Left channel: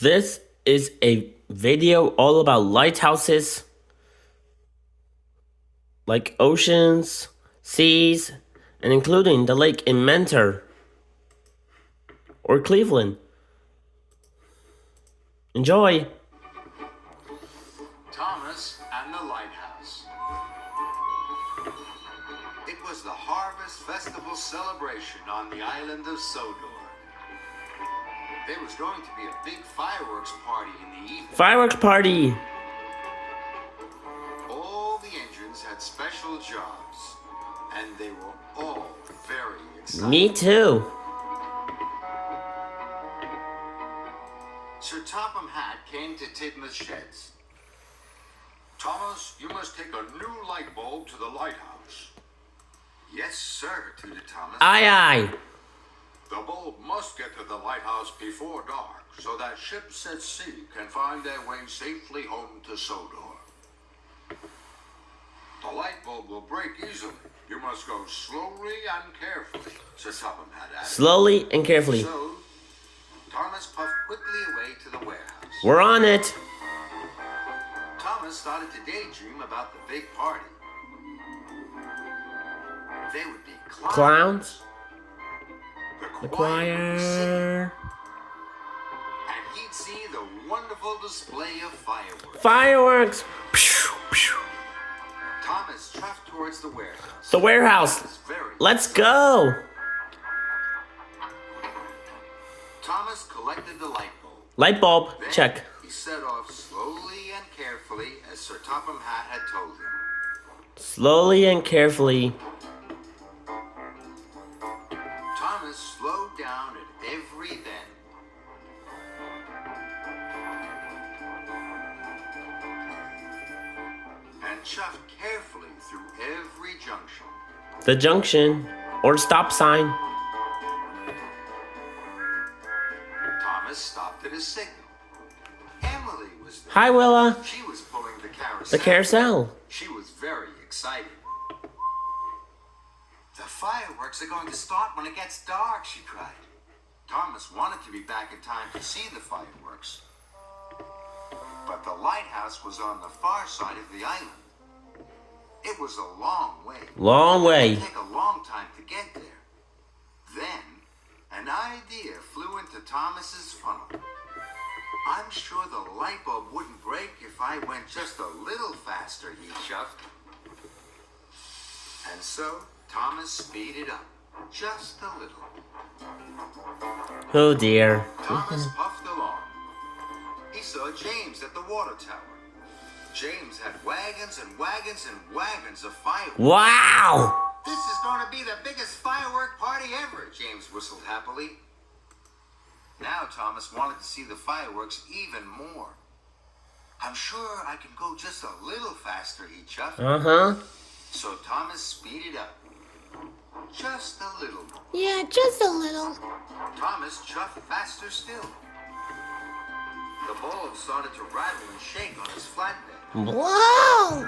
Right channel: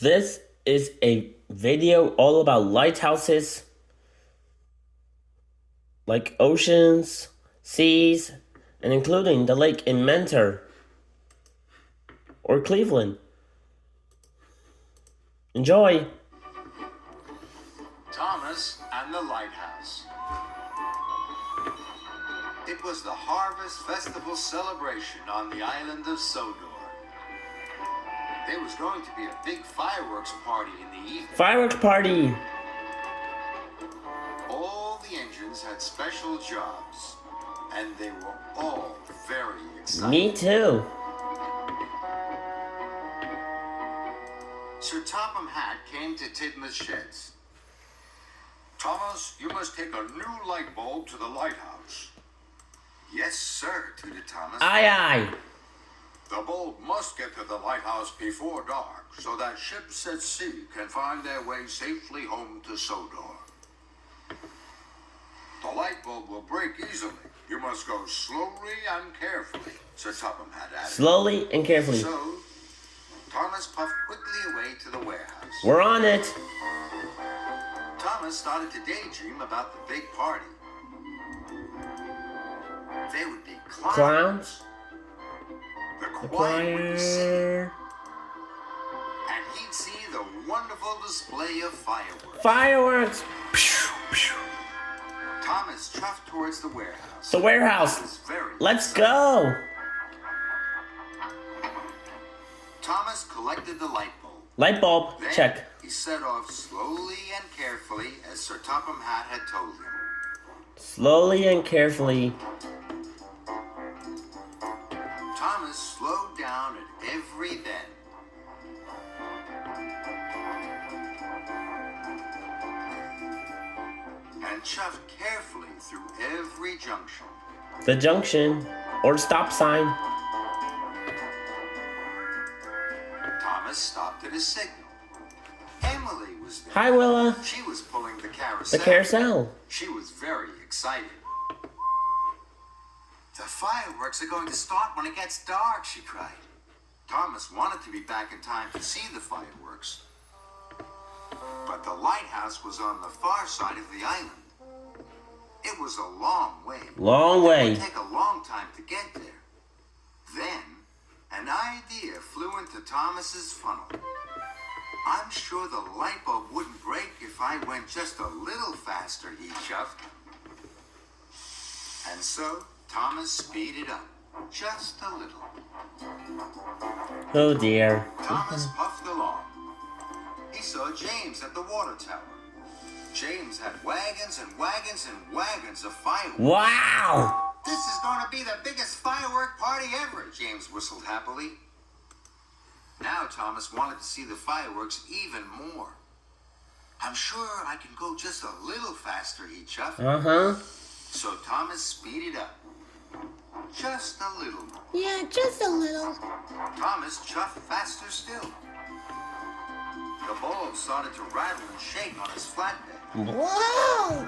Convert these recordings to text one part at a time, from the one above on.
This is a video all about lighthouses, like oceans, seas, and including the lake in Mentor or Cleveland. Enjoy! Thomas and the Lighthouse. It was the Harvest Festival celebration on the island of Sodor. There was going to be a big fireworks party in the evening. Fireworks party! All the engines had special jobs, and they were all very excited. Me too. Sir Topham Hatt came to Tidmouth Sheds. Thomas, you must take a new light bulb to the lighthouse. Yes, sir, tooted Thomas. Aye, aye. The bulb must get to the lighthouse before dark, so that ships at sea can find their way safely home to Sodor. The light bulb will break easily. You must go slowly and carefully, Sir Topham Hatt added. Slowly and carefully. So, Thomas puffed quickly away to the warehouse. We're on it. Thomas started to daydream about the big party. They would be Clowns. The The choir would be singing, choir. and he'd see the wonderful display of fireworks. Fireworks. Pew, pew. Thomas chuffed towards the warehouse. The He warehouse. was very Let's excited. go. Thomas collected the light bulb. Light bulb. Then Check. he set off slowly and carefully as Sir Topham Hatt had told him. Slowly and carefully. Thomas slowed down at every bend. And chuffed carefully through every junction. The junction or stop sign. Thomas stopped at a signal. Emily was there. Hi, Willa. She was pulling the carousel. The carousel. She was very excited. The fireworks are going to start when it gets dark, she cried. Thomas wanted to be back in time to see the fireworks. But the lighthouse was on the far side of the island. It was a long way. Long It way. would take a long time to get there. Then, an idea flew into Thomas's funnel. I'm sure the light bulb wouldn't break if I went just a little faster, he chuffed. And so, Thomas speeded up, just a little. Oh dear. Thomas puffed along. He saw James at the water tower. James had wagons and wagons and wagons of fireworks. Wow. This is going to be the biggest firework party ever, James whistled happily. Now Thomas wanted to see the fireworks even more. I'm sure I can go just a little faster, he chuffed. Uh-huh. So Thomas speeded up. Just a little more. Yeah, just a little. Thomas chuffed faster still. The bulb started to rattle and shake on his flatbed. Wow.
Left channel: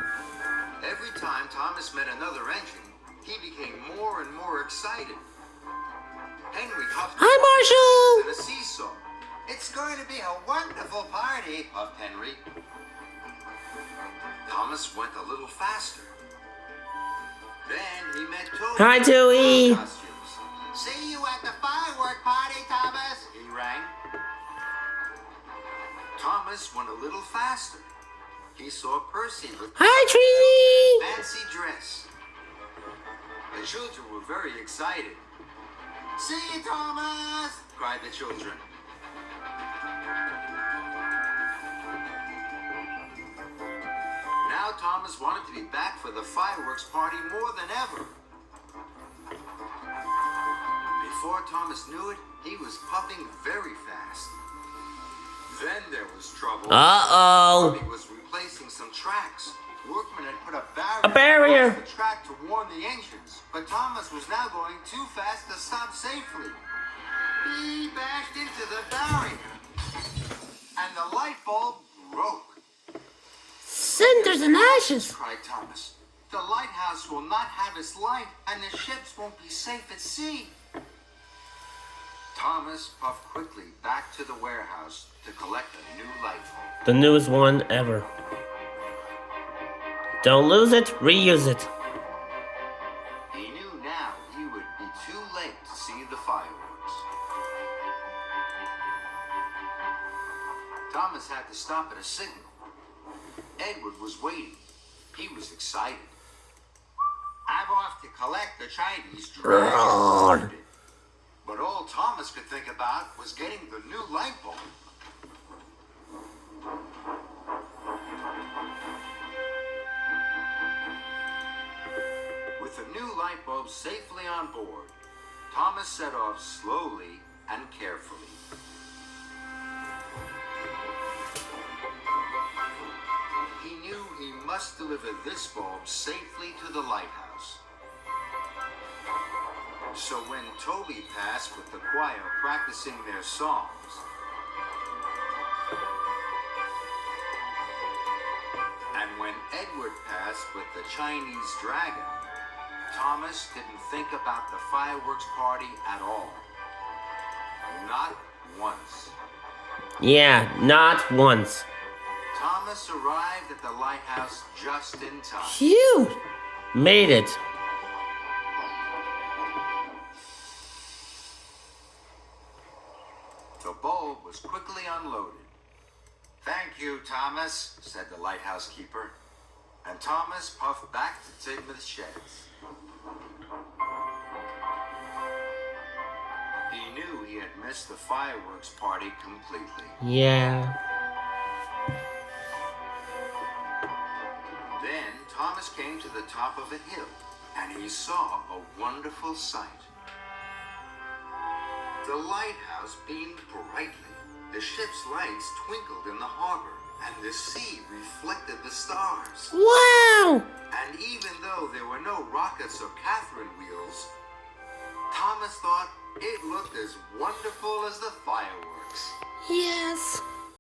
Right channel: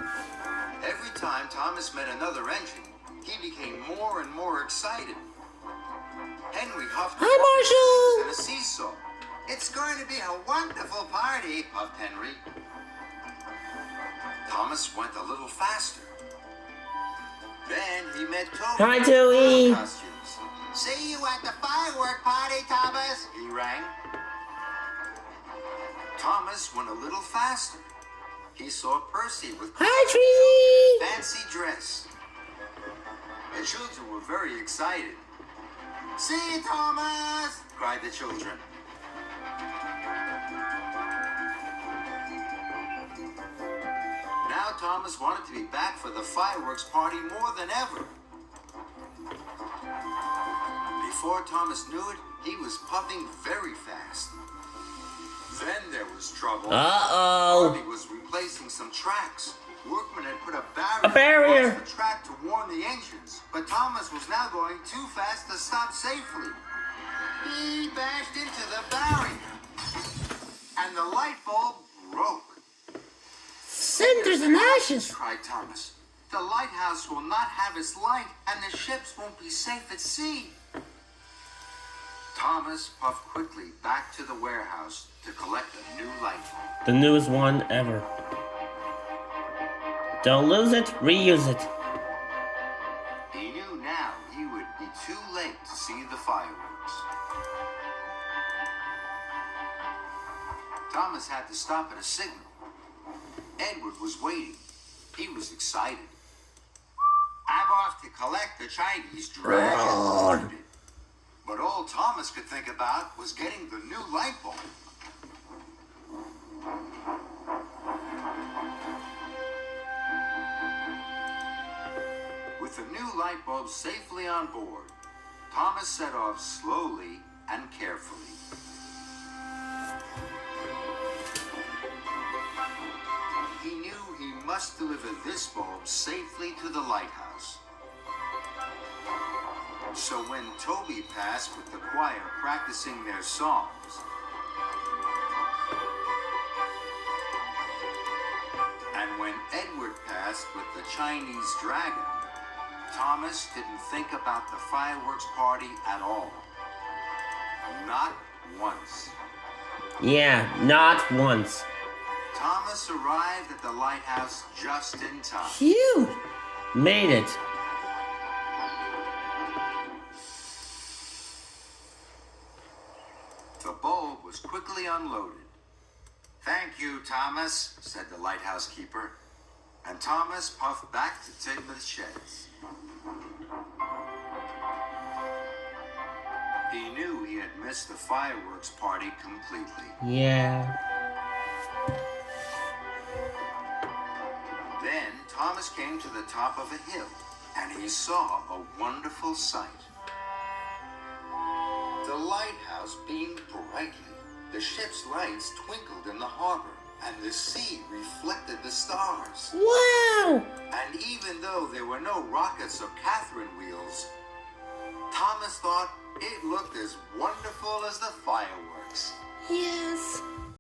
Every time Thomas met another engine, he became more and more excited. Henry huffed Hi, Marshall. and a seesaw. It's going to be a wonderful party, huffed Henry. Thomas went a little faster. Then he met Toby. Hi, Tooey. in costumes. See you at the firework party, Thomas, he rang. Thomas went a little faster. He saw Percy with Hi, Trini. fancy dress. The children were very excited. See, Thomas! Cried the children. Now Thomas wanted to be back for the fireworks party more than ever. Before Thomas knew it, he was puffing very fast. Then there was trouble. Uh-oh. Harvey was replacing some tracks. Workmen had put A barrier. across the track to warn the engines, but Thomas was now going too fast to stop safely. He bashed into the barrier, and the light bulb broke. Cinders and ashes. Cried Thomas. The lighthouse will not have its light, and the ships won't be safe at sea. Thomas puffed quickly back to the warehouse to collect a new light bulb. The newest one ever. Don't lose it, reuse it. He knew now he would be too late to see the fireworks. Thomas had to stop at a signal. Edward was waiting. He was excited. I'm off to collect the Chinese dragon. But all Thomas could think about was getting the new light bulb. With the new light bulb safely on board, Thomas set off slowly and carefully. He knew he must deliver this bulb safely to the lighthouse. So when Toby passed with the choir practicing their songs, and when Edward passed with the Chinese dragon, Thomas didn't think about the fireworks party at all. Not once. Yeah, not once. Thomas arrived at the lighthouse just in time. Phew! Made it. The bulb was quickly unloaded. Thank you, Thomas, said the lighthouse keeper. And Thomas puffed back to Tidmouth Sheds. He knew he had missed the fireworks party completely. Yeah. Then Thomas came to the top of a hill, and he saw a wonderful sight. The lighthouse beamed brightly. The ship's lights twinkled in the harbor, and the sea reflected the stars. Wow! And even though there were no rockets or Catherine wheels, Thomas thought it looked as wonderful as the fireworks. Yes.